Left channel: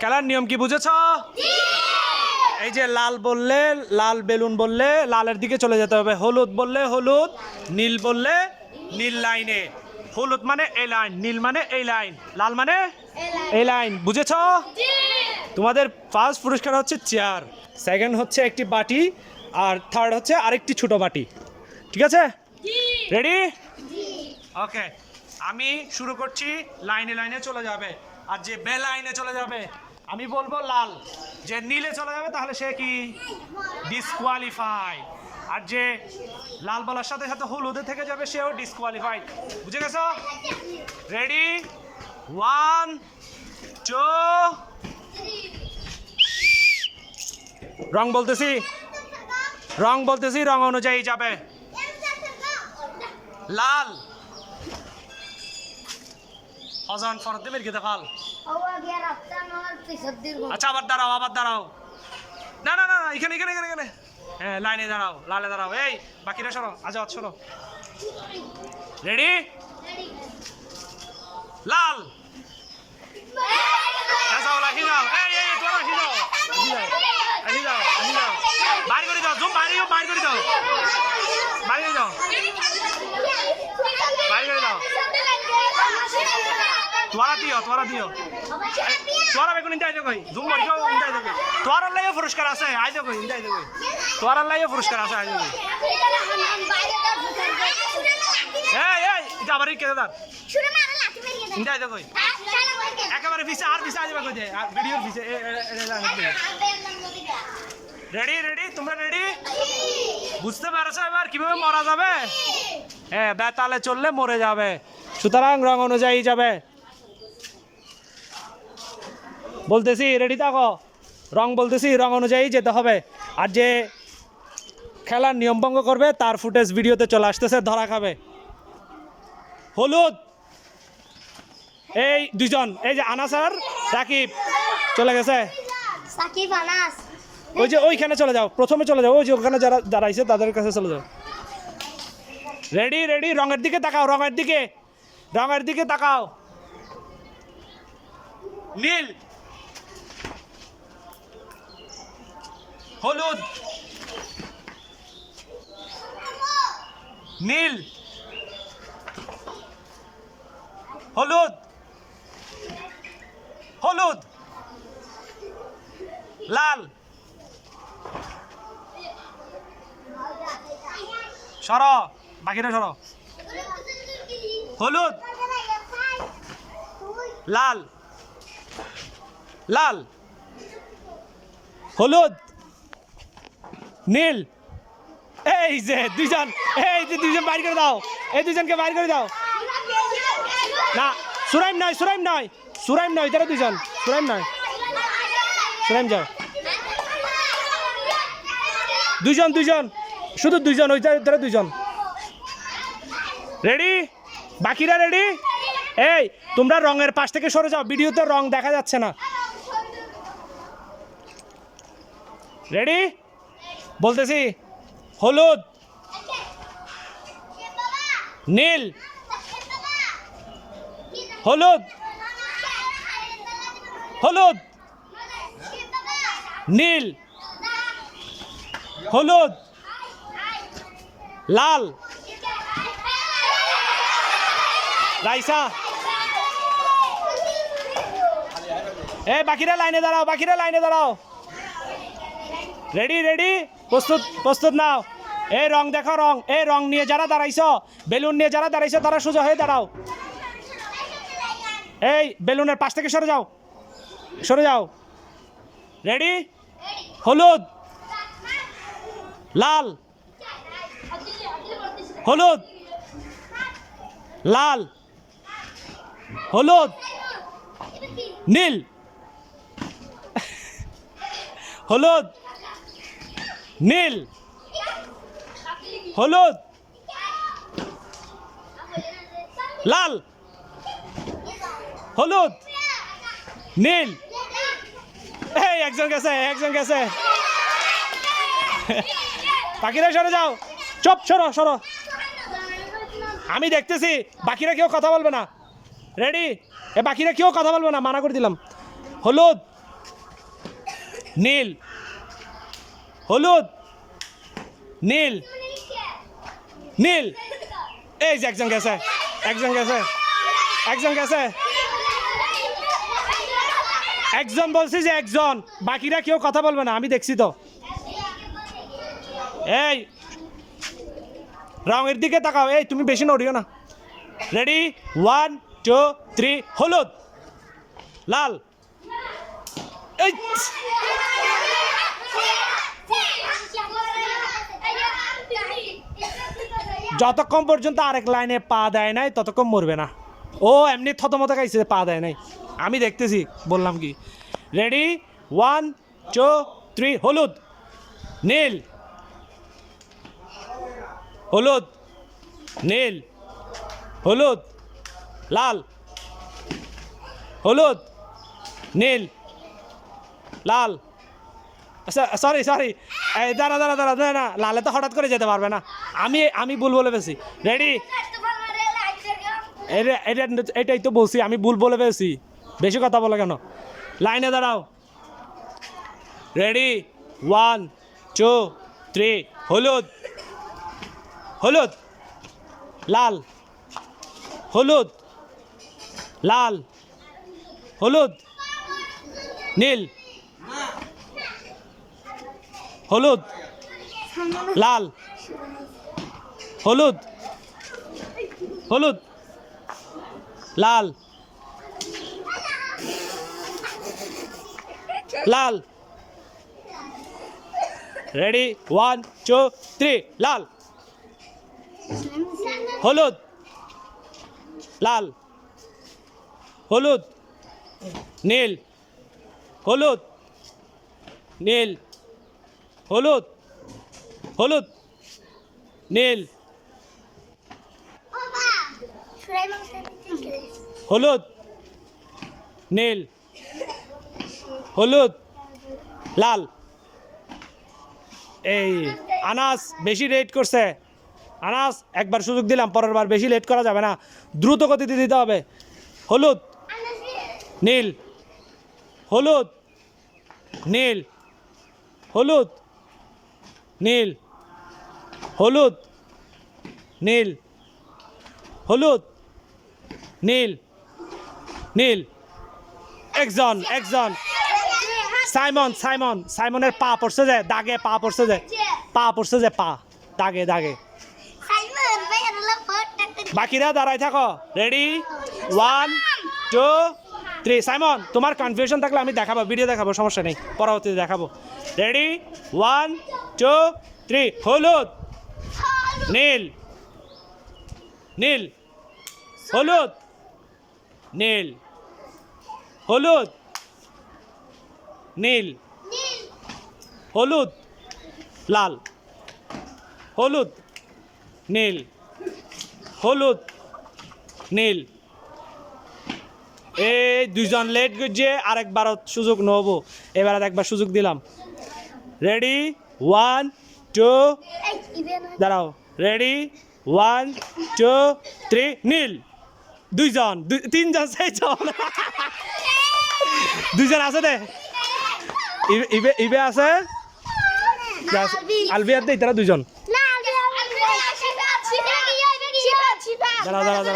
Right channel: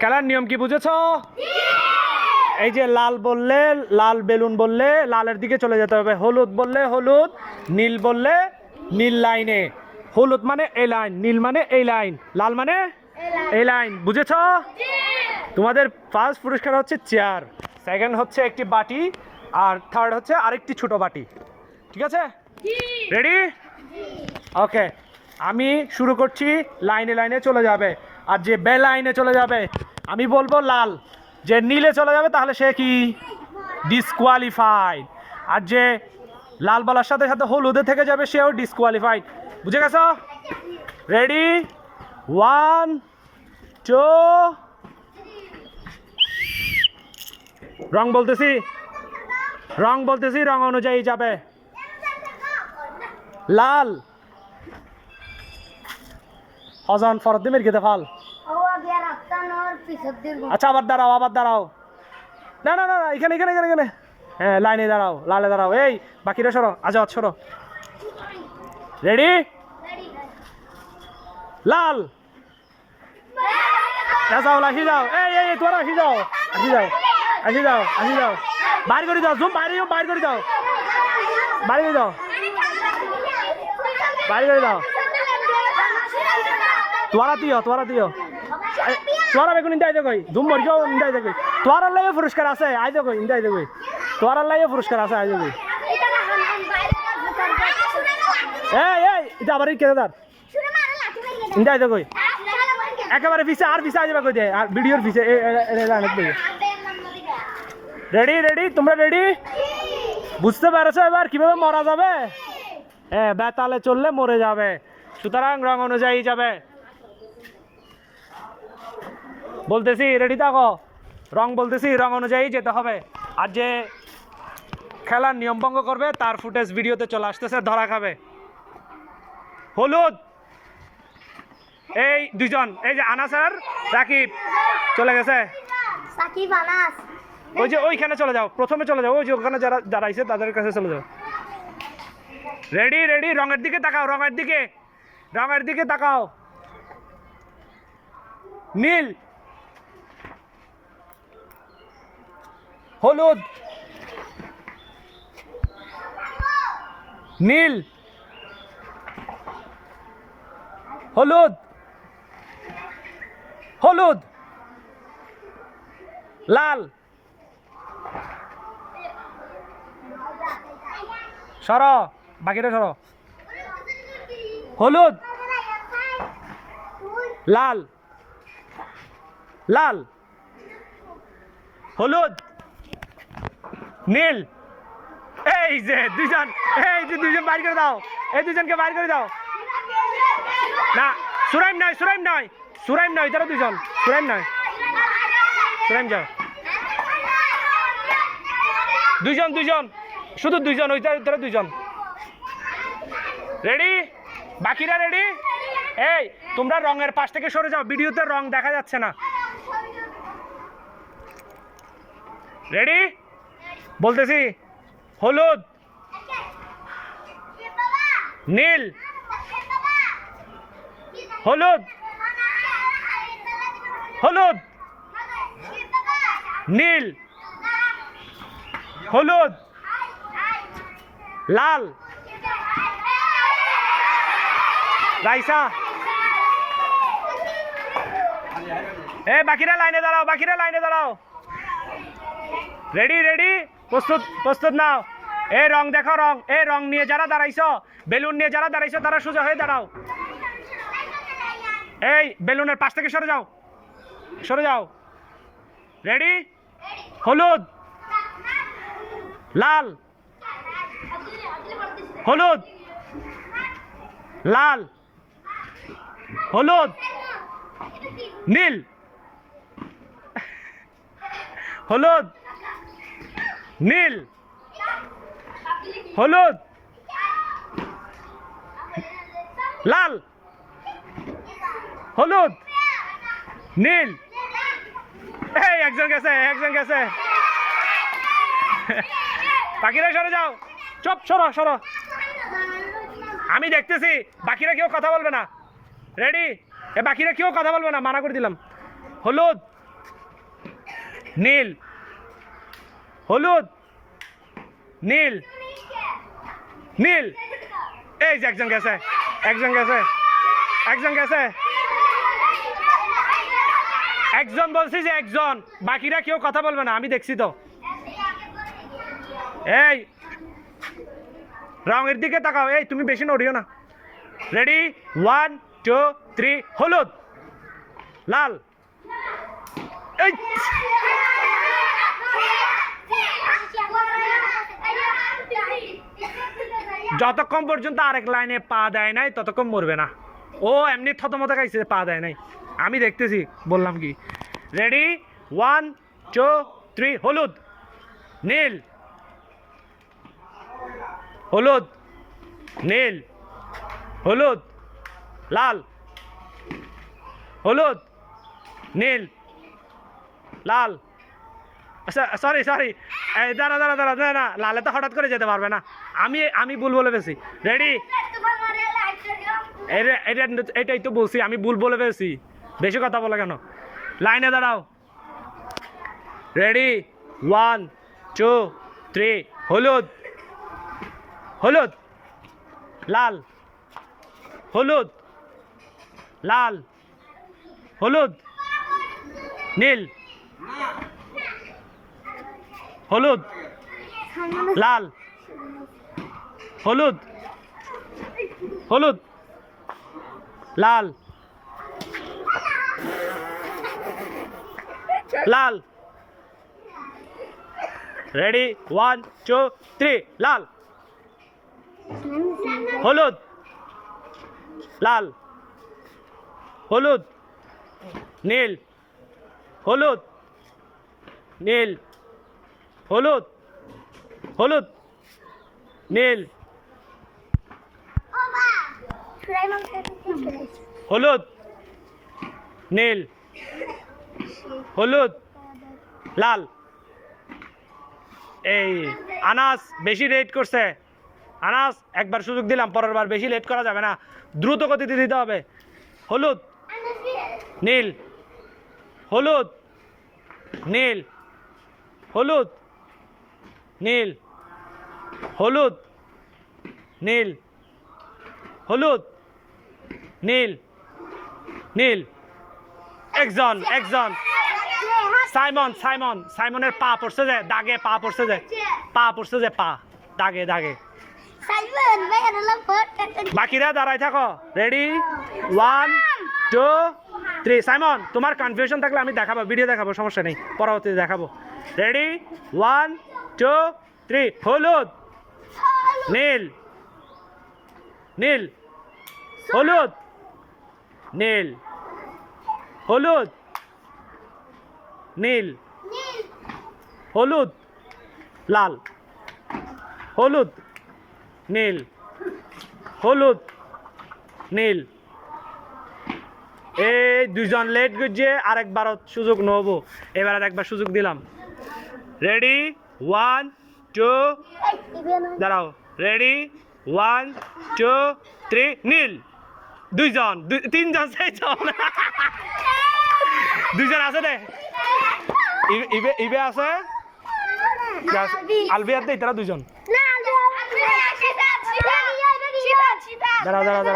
খেলার নিয়ম কি বুঝেছ? এই যে লাল বললে, লাল বেলুন বললে লালের দিকে চলে যেতে হবে, হলুদ বললে হলুদ, নীল বললে নীল লাইনে। হলুদ মানে এই লাইন, নীল মানে এই লাইন, লাল মানে এই লাইন। বুঝেছ? তোমাদের ফার্স্ট পুরস্কার হচ্ছে চেয়ার, সেকেন্ড হচ্ছে একটি বাটি, আর থার্ড হচ্ছে আরেকটি ছোট বাটি। ঠিক আছে? রেডি? ওকে, আমি শুরু করছি। লাইনে লাইনে চলে যাবে, আর যে বে লাইনে চলে যাবে আমি বলবো লাল, যে নীলে চলে যাবে তাহলে সে কি ডিসকোয়ালিফাইড, আর যে লাল বলার সাথে সাথে হলুদে থেকে যাবে সেও ডিসকোয়ালিফাইড। বুঝে গেছো? রেডি? 1 2 রং বলতেছি, রং বলতেছি, রং অনুযায়ী যাবে। লাল অজন ফরদ্দি মেরে গেতে ফাল। আচ্ছা আবার দাঁড়াও, আবার দাঁড়াও। না না না, এখানে এখানে এখানে এখানে, হ্যাঁ লাইনে দাঁড়াও, লালে দাঁড়াও। এই বাকিরা সরো, আজাদ সরো। রেডি? লাল যাও, লাসি যাও। এই এই তোরা আসি যাও, আসি যাও, আসি যাও, আসি যাও। বাইর করে দাও, জুম বাইরে বাইর করে দাও, বাইরে করে দাও, বাইরে করে দাও। তোরা দিও, তোরা দিও, তোরা বেগুন ইন্দাই দেখই, ধুম মরিও ইন্দাই দেখই। তোর আল্লাহ পুরস্কার আছে, আই দেখই ইন্দাই দেখই। তোর আল্লাহ পুরস্কার আছে, আই দেখই। এই এই এটা আবার কে দাদা ইন্দাই দেখই। একেবারে পিছে আর পিছে আই যাবে কই দে, আর ভিডিওর পিছে। রেডি রেডি, তোমরা রেডি? বুঝতে পারছো এবার কিভাবে মরা যাবে? হ্যাঁ, বেতালে চললে মরে যাবে, সুতরাং রং অনুযায়ী যাবে। বলতেছি রেডি থাকো, রং বলতেছি, রং অনুযায়ী যেতে হবে। আর যে খেলার নিয়ম ভঙ্গ করবে তার ফুটেজ ভিডিওতে চলে আসতেছে, ধরা খাবে। হলুদ, এই দুইজন, এই যে আনাস আর রাকিব চলে গেছে। সাকিব আনাস, ওই যে ওইখানে চলে যাও, প্রথমে চলে যাও, ওই যে ওখানে যারা দাঁড়াইছে তাদের কাছে চলে যাও। রেডি রেডি, রঙের দিকে তাকাও, রঙের দিকে, রঙের দিকে তাকাও। নীল, হলুদ, নীল, হলুদ, হলুদ, লাল। সরো, বাকিটা সরো। হলুদ, লাল, লাল, হলুদ, নীল। এই যে দুইজন, এই যে দুইজন বাইর করে দাও, এই দুইজনকে বাইর করে দাও। না সুরাইম নয়, সুরাইম নয়, সুরাইম নয়, তারা দুইজন, সুরাইম নয়, সুরাইম যাও। দুইজন দুইজন, শুধু দুইজন, ওই তারা দুইজন। রেডি? বাকিরা রেডি? এই তোমরা রঙের পাশ থেকে সরে যাও, ভিডিওতে রং দেখা যাচ্ছে না। রেডি? বলতেছি হলুদ, নীল, হলুদ, হলুদ, নীল, হলুদ, লাল। রাইসা, এ বাকিরা লাইনে দাঁড়াও, বাকিরা লাইনে দাঁড়াও। রেডি রেডি, প্রস্তুত, প্রস্তুত নাও। এই রং দেখো, রং, এই রং নিয়ে যারা দাঁড়াইছো, বেলুন নিয়ে যারা দাঁড়াইছো তারা সোজা হয়ে দাঁড়াও। এই বেলুনের পাশ থেকে সরে যাও, সরে যাও। রেডি? হলুদ, লাল, হলুদ, লাল, হলুদ, নীল, হলুদ, নীল, হলুদ, লাল, হলুদ, নীল। এই একজন গেছে, একজন গেছে। বাকিরা সরে যাও, চুপ, সরো সরো। আমি দেখতেছি, বাকিরা কেউ কথা বলবে না। রেডি? এ বাকিরা কেউ কথা বলবে না, মানা করে দিলাম। হলুদ, নীল হলুদ নীল নীল এই যে একজন গেছে একজন গেছে একজন গেছে একজন বলছি যে একজন বাকিরা কেউ কথা বলবে না আমি দেখছি তো এই রঙের দিকে তাকাও এই তুমি বেশি নড়িও না রেডি 1 2 3 হলুদ লাল এই যতক্ষণ পর্যন্ত আরেক লাইনে পা দেয় নাই ততক্ষণ মরবে না ও এমনি থতমত খাইছে পা দেয় নাই আমি দেখতেছি বললাম কি রেডি 1 2 3 হলুদ নীল হলুদ নীল হলুদ লাল হলুদ নীল লাল আচ্ছা সরি সরি দাঁড়া দাঁড়া দাঁড়া না না লালে তো হঠাৎ করে যেতে পারবে না আমি ভুল বলে পেয়েছি রেডি এটাই তো বলছি আমি ভুল বলে পেয়েছি বেশি কথা বলে কেন লাইনে দাঁড়াও রেডি 1 2 3 হলুদ হলুদ লাল হলুদ লাল হলুদ নীল হলুদ লাল হলুদ হলুদ লাল লাল রেডি 1 2 3 লাল হলুদ লাল হলুদ নীল হলুদ নীল হলুদ হলুদ নীল হলুদ নীল হলুদ লাল এই আনাস বেশি লেট করছে আনাস একবার সুযোগ দিলাম পরের বার বেশি লেট করা যাবে না দ্রুত গতিতে দিতে হবে হলুদ নীল হলুদ নীল হলুদ নীল হলুদ নীল হলুদ নীল নীল একজন একজন সাইমন সাইমন সাইমনের পা পড়ছে যে দাগে পা পড়ছে যে পা পড়ছে যে পা দাগে দাগে বাকিরা দাঁড়াই থাকো রেডি 1 2 3 সাইমন তোমার কনফিউশন থাকলে আমি দেখাবো ভিডিও দেখাবো সমস্যা নেই পরবর্তীতে দেখাবো রেডি 1 2 3 হলুদ নীল নীল হলুদ নীল হলুদ নীল হলুদ লাল হলুদ নীল হলুদ নীল এই দুজন লেট করছে আরেকবার সুযোগ নেব এবার একবার সুযোগ দিলাম রেডি 1 2 দাঁড়াও রেডি 1 2 3 নীল দুইজন তিনজন চারজন দুইজন আছে দে ইবে আছে আলবিয়ার দে তারা দুইজন দাঁড়াও দাঁড়াও দাঁড়াও